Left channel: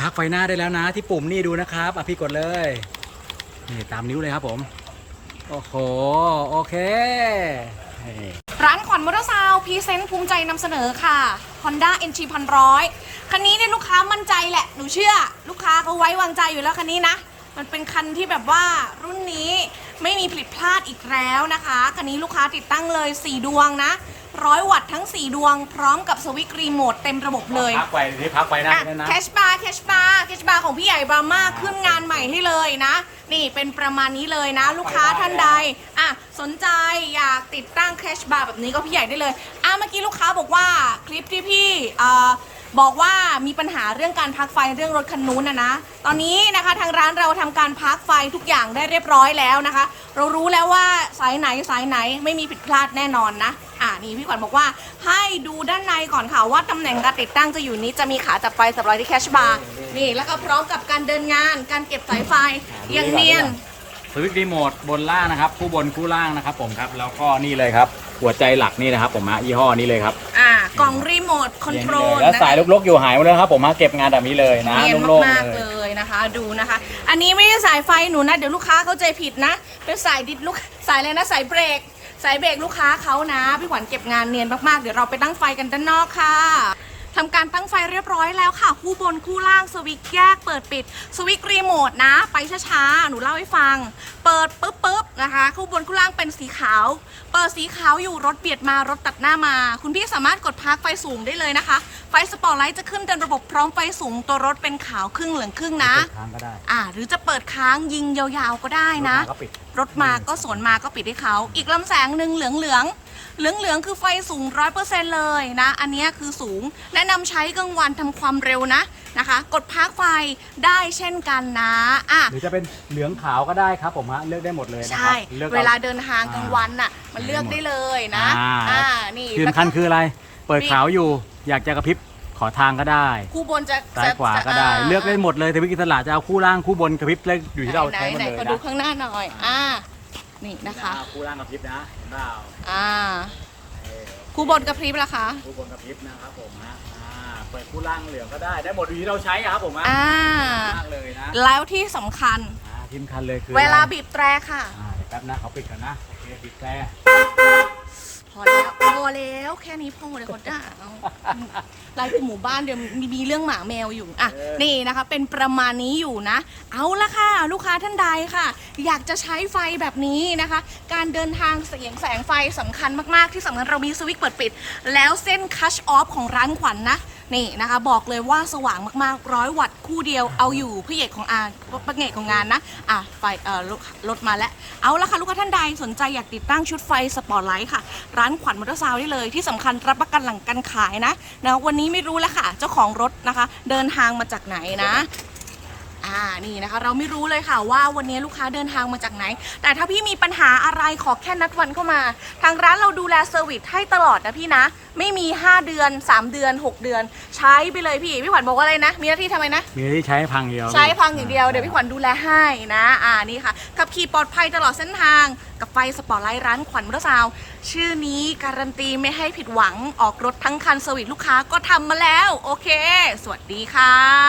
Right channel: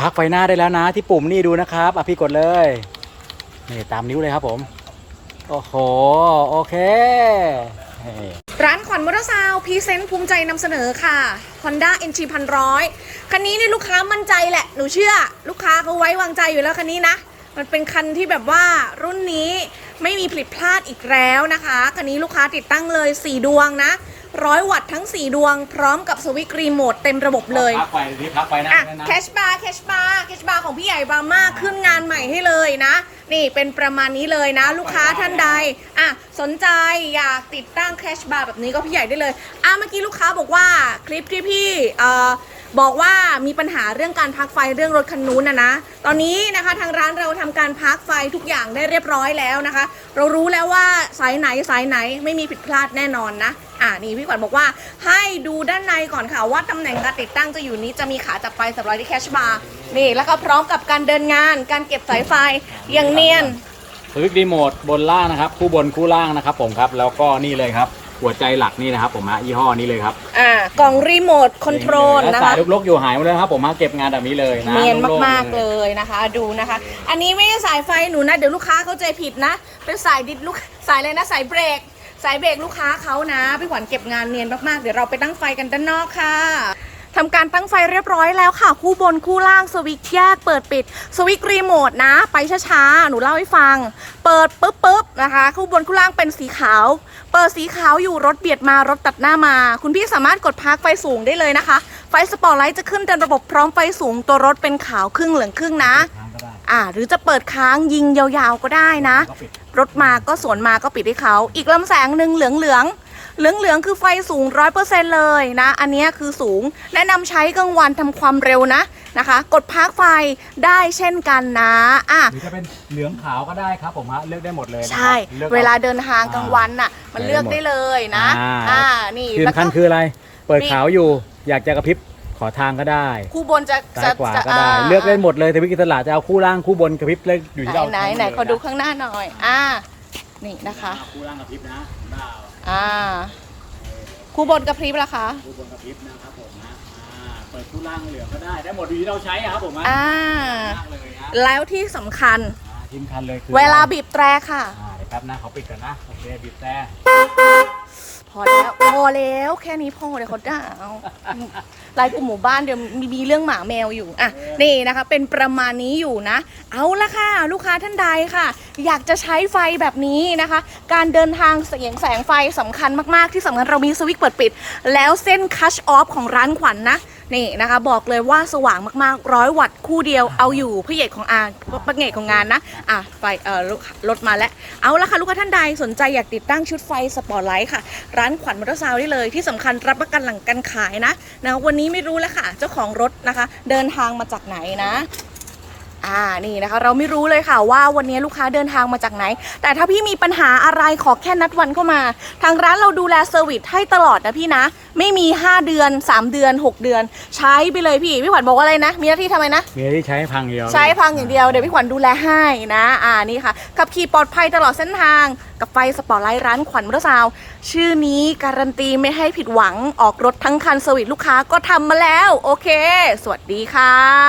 พักไฟหน้าได้แล้วนะที่ปุ่มนี่ดูนะครับอะพี่กดเลยนี่ตามนิ้วเลยครับผม โอ้โห โอเค ร้านขวัญมอเตอร์ซาวพรีเซนต์ภูมิใจนำเสนอค่ะ Honda NG พันร้อยคันนี้เนี่ยลูกค้ามั่นใจแหละ หนูเชื่อ ลูกค้าเขาไว้วางใจอยู่แล้วคันนี้นะ มันเป็นคันที่แบบว่ารุ่นนี้ ไม่มีผิดพลาดอีกแล้วนะคะคันนี้ลูกค้าติดตั้งเลย 4 ดวงนะร้อยวัตต์ทั้ง 4 ดวง พร้อมกับสวิตช์รีโมทเต็มระบบเลยพักไฟที่พักไฟหน้าอะได้นะแคชบาร์แคชบาร์แคชบาร์ของพี่ใหญ่บราม่าขึ้นงานใหม่ให้เลยนะ นี่เป็นประมาณนี้เลยนะ ลูกค้าท่านใดอะสนใจอยากติดตั้งแคชบาร์แบบนี้ก็พี่ใหญ่ได้เลยอะเมื่อกี้ลูกค้าบอกว่าคลิปที่พี่เอ่อ บอกว่ามีปัญหาเรื่องการพักไฟเรื่องรถคันนู้นนะนะ ตอนนี้นะคะทางร้านเราทำการพักไฟทุกอย่างได้เรียบร้อยแล้วนะคะ เรารู้แล้วว่าสายไหนสายไหนไม่มีผิดพลาดแน่นอนนะอ่านี่พี่ขวัญบอกว่าให้ดูด้านในก่อนค่ะว่าตำแหน่งการติดตั้งจะอยู่นี้จะมีขาจับไฟสับร้อยที่แคชบาร์นี่แล้วก็พร้อมกับการเดินงาน การเก็บสายไฟอย่างเนียนสวิตช์รีโมทบนล่างนะครับ คู่บนคู่ล่างนะครับผมครับแล้วก็นี่เลยครับหัวใจหลักนี่นะครับผมฮะยี่ห้อนี้เลยครับอ่า กล่องรีโมทคอนโทรลแล้วนะสายคะ ลกๆอยู่หายหมดแล้วนะครับผมฮะเก็บงานแบบนี้เลยนะเนียนโล่งๆมากๆเลยนะคะ ดูนะคะ อันนี้ไม่ใช่สายไฟหนูนะ เดี๋ยวลูกค้าเข้าใจผิดนะ เป็นสายดิดลูกสายเลยนะสายเบรก สายเบรกลูกค้าเขานะพี่ขวัญเก็บงานเนียนมากๆ เดี๋ยวเราไปตั้งไฟกันด้านนอกค่ะ ทำการตั้งไฟเรียบร้อยแล้วค่ะ คู่บนคู่ล่างสวิตช์แยกเปิดปิด สวิตช์รีโมทนะ ไปช้าๆ หนูเล่าให้ฟัง เปิดปุ๊บปุ๊บนะคะ คู่บนคู่ล่างเป็นสีขาว เปิดสีขาวอยู่รถเบียดมารถตัดหน้ามา คุณพี่สามารถกดพักไฟสูงได้เลยนะคะ ไฟสปอร์ตไลท์จะขึ้นเต็มระบบพร้อมไฟสูงตัวรถเป็นขาวครึ่งเหลืองครึ่งนะเปิดทางก็ได้อ่าหรือจะเปิดค้างยิงยาวๆก็ได้นะก็ปิดรถมาก็สวนมาก็ปิดให้เขา อีกลำแสงหนึ่งเหลืองเหลือง เหลืองเหลืองๆคือไฟสูงร้อยเปอร์เซ็นเลยนะ อันเนี้ยคือสูง แนะนำใช้กลางวันทำความเร็วนะนะคะ กดพักไฟได้เช่นกันนะอะหรือจะเป็นเหลืองขาวก็ได้ครับผมฮะเลือกได้หมดเลยนะครัใช่เลือกอเวลาเดินทางกลางวันน่ะมันเลือกได้เลยนะอ่าอ่านี่ที่แล้วสำคัญก็คืออะไร เปิดขาวอยู่อยากจะกระพริบขอทางก็ได้คู่บนจะซ้ายขวาจะก็ได้าเลือกได้หมดเลยแต่วิกิตลาจะเอาคู่ล่างคู่บนกระพริบเลยอยู่ที่เราไหนใช้ไหนมืขอดูข้างหน้าหน่อยอ่า นี่นะคะคู่ล่างกระพริบนะหน้าเอาอ่าคู่บนกระพริบละคะคู่บนกระพริบนะครับผมนะอ่าเปิดคู่ล่างเหลืองก็ได้ได้หมดอยู่ที่เราใช้นะครับผมนะอ่ามากเลยนะแล้วที่สำคัญอ่าทีมคันเลยคือเวลาอะไรบีบแตรค่ะอ่าเดี๋ยวแป๊บนะเขาปิดก่อนนะโอเคบีบแต่ พอแล้วพอแล้วแค่นี้พอเดี๋ยวเขาด่าเอาไลน์กลุ่มหมู่บ้านเดี๋ยวมีมีเรื่องหมาแมวอยู่อะนี่นะคะ เป็นประมาณนี้อยู่นะ เอาละค่ะ ลูกค้าท่านใดค่ะ อยากจะใช้ไฟแบบนี้นะคะ การเดินทางเสียงแสงไฟสำคัญมากๆ ที่สำคัญเรามีสวิตช์เปิดปิด แล้วเส้นคัชออฟของร้านขวัญนนะ นี่นะคะ บอกเลยว่าสว่างมากๆร้อยวัตต์คู่เดียวเอาอยู่พระเอกของอาพระเอกของงานนะอะไฟเอ่อรถรถมาแล้วเอาละค่ะลูกค้าท่านใดสนใจอยากติดตั้งชุดไฟสปอร์ตไลท์ค่ะร้านขวัญมอเตอร์ซาวน์ได้เลย ที่สำคัญรับประกันหลังการขายนะนะวันนี้ไม่รู้แล้วค่ะ เจ้าของรถนะคะ เดินทางมาจากไหนนะ อ่านี่นะคะเราไม่รู้เลยค่ะว่าวันนี้ลูกค้าเดินทางมาจากไหน แต่ถ้าพี่มีปัญหาอะไรขอแค่นัดวันเข้ามา ทางร้านเราดูแลเซอร์วิสให้ตลอดนะพี่นะ ไม่มี 5 เดือน 3 เดือน 6 เดือน ใช้ไปเลยพี่ พี่ขวัญบอกว่าอะไรนะ มีหน้าที่ทำไมนะ มีอะไรที่ใช้พังเดียวใช้พังอย่างเดียวเดี๋ยวพี่ขวัญดูแลให้นะอ่านี่ค่ะขับขี่ปลอดภัยตลอดเส้นทางกับไฟสปอร์ตไลท์ร้านขวัญมอเตอร์ซาวน์ชื่อนี้การันตีไม่ให้ผิดหวังออกรถทั้งคันเซอร์วิสลูกค้าก็ทำมาแล้ว โอเค สวัสดีค่ะ